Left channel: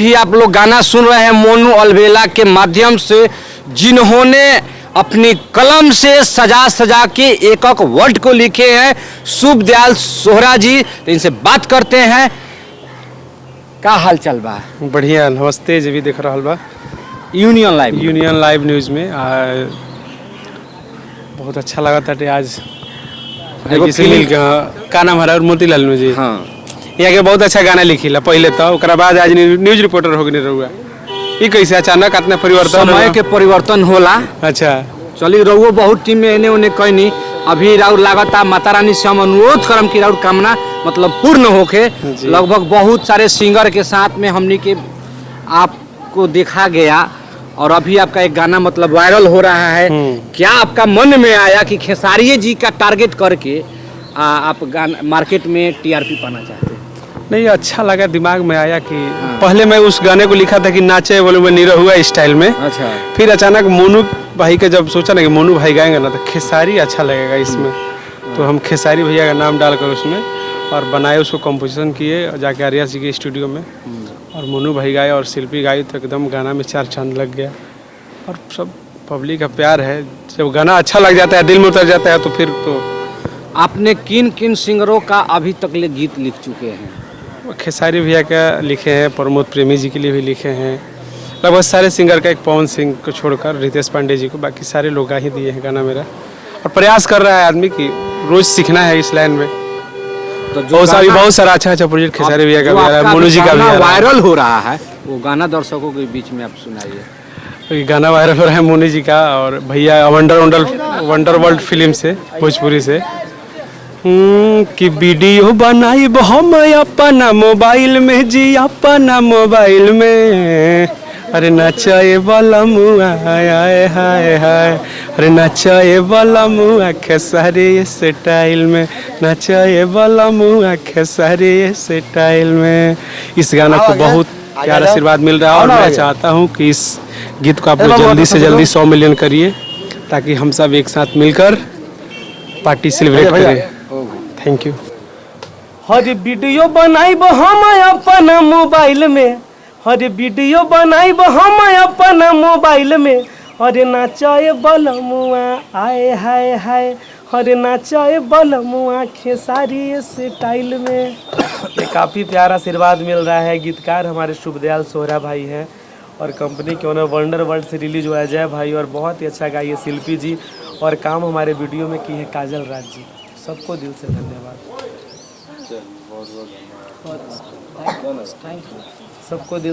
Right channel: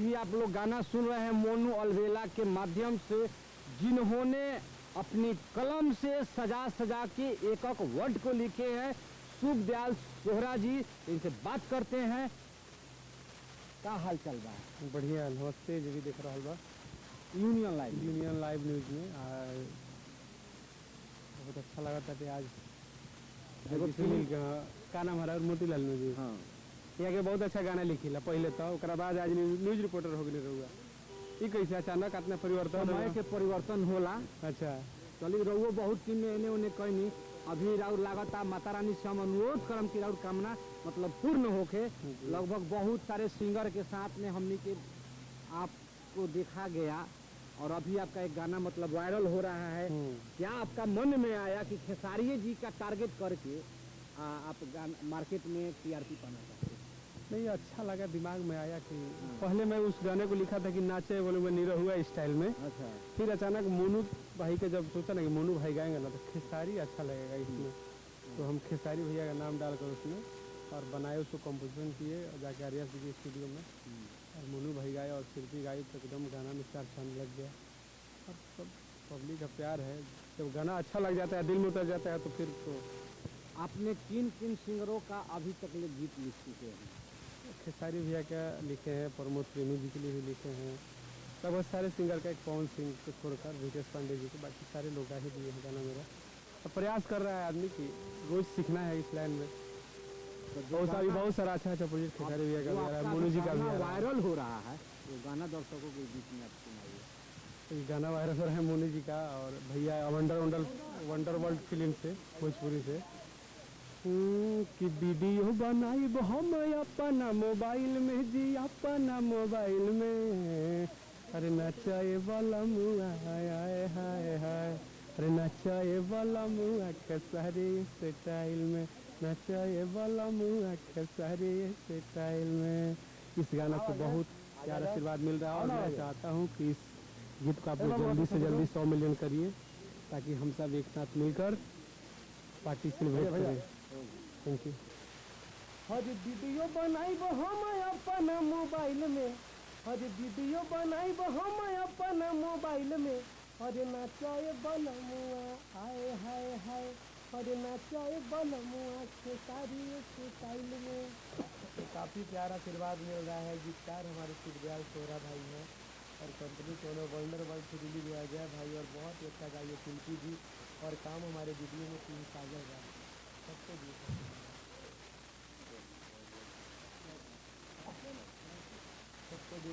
अभी आप लोग गाना सुन रहे हैं मोनू अलबेला के माध्यम से, जिन्होंने अपनी कलम से सजा सजा के एक एक वर्ड को लिखे हैं, शुभ दयाल सोहरा जी। तो इनसे बात करते हैं, का हाल चल बा? बढ़िया, नमस्ते जी। भी देख रहा बा यूनियन लाइव न्यूज़ में बहुत अच्छा लगा था आज से मिल के। का नाम हमारा मोतीलाल जी। हाँ, यहाँ के बहुत अच्छा गाना लिखिला पहले तो, ओकरा बाद आज न्यूज रिपोर्टर हो गए रहुआ। ये कैसे अचानक इतना परिवर्तन? समय के परिवर्तन होला। अच्छा, चली रहुओ बहुत टीम में एने ओने कहनी, अभी राउर लागता माता रानी से हम अनुरोध करम कि राउर कामना मतलब पूर्ण होके। लगभग बहुत सारे सिंगर के साथ में हमने के आपको देखा गया और अभी आपका एक गाना मतलब वायरल हो रहा है। क्या आपका मन में आया कि खेसारी जी का टारगेट करके आप गाना मार्केट में टीआरपी पाना चाहते हैं? नहीं, अच्छा लगा, दिमाग में आया कि पहले मैं उस गाने को लिखा था कि नाचे बोले मैं निरहुआ स्टाइल में। अच्छा। फिर अचानक मोनू भाई के जब सोचा ना कि मोनू भाई गाएंगे ना तो खेसारी अच्छा लगेगा इसमें, तो हम खेसारी भैया का नाम डालकर उसमें और बनाए, उसको कंपोजिशन किए और जाके आर्या जी के स्टूडियो में, और मोनू भाई गाए और शिल्पी गाई, तो एकदम गाना में चार चांद लग गया। और सब पब्लिक का प्यार है, जब गाना अच्छा लग जाता है, दिल में उतर जाता है, तो फिर तो। आपने किन किन सिंगरों का अभी तक ले गीत लिख चुके हैं? खेसारी भैया का लिखे हैं, प्रमोद प्रेमी जी के लिए भी लिखे हैं, लगभग सारे सिंगर का, एक पवन सिंह को छोड़कर रितेश पांडे जी को, बाकी सारे लोग गा ही दिए हैं गाना मेरा। और प्रयास कर रहा है आदमी कि रोज सीखना है इस लाइन में। तो बहुत सारा अच्छा प्रोजेक्ट खेसारी भैया का भी आ रहा है, मोनू जी का भी वायरल हो रहा है, वो गाना दर्शकों के बीच में आप सुनाइए। गाना वायरल हो रहा है मोनू जी का और भैया वंडर वर्ल्ड फिल्म से, भोजपुरी से, कि वीडियो बनाई हम अपना मोबाइल में जी, अपना मोबाइल में। अरे नचाए वाला मुआ हाय हाय हाय, अरे नचाए वाला मुआ खेसारी स्टाइल में, नचाए वाला मुआ खेसारी स्टाइल में। इस गाना को बहुत प्यार आशीर्वाद मिल रहा है और मैं चाहता हूँ कि इस गीत को आप लोग जल्दी से जल्दी 100 मिलियन करिए, ताकि हम सब एक साथ मिलकर पार्टी सेलिब्रेट करें। Thank you. हर वीडियो बनाइब हम अपना मोबाइल में, हर वीडियो बनाइब हम अपना मोबाइल में। हरे नाचाए बलमुआ आए हाय हाय, हरे नाचाए बलमुआ खेसारी स्टाइल में। ये काफ़ी प्यारा आशीर्वाद मिल रहा है। गीतकार हमारे शुभ दयाल सोहरा भाई हैं और कंपनी के ओनर वंडर वर्ल्ड से रिलीज हुआ है जय भाई, और बहुत ही अच्छा गाइए शिल्पी जी, और काम हमारे वीडियो में की है काजल राज जी। सबको दिल से धन्यवाद, सबको दिल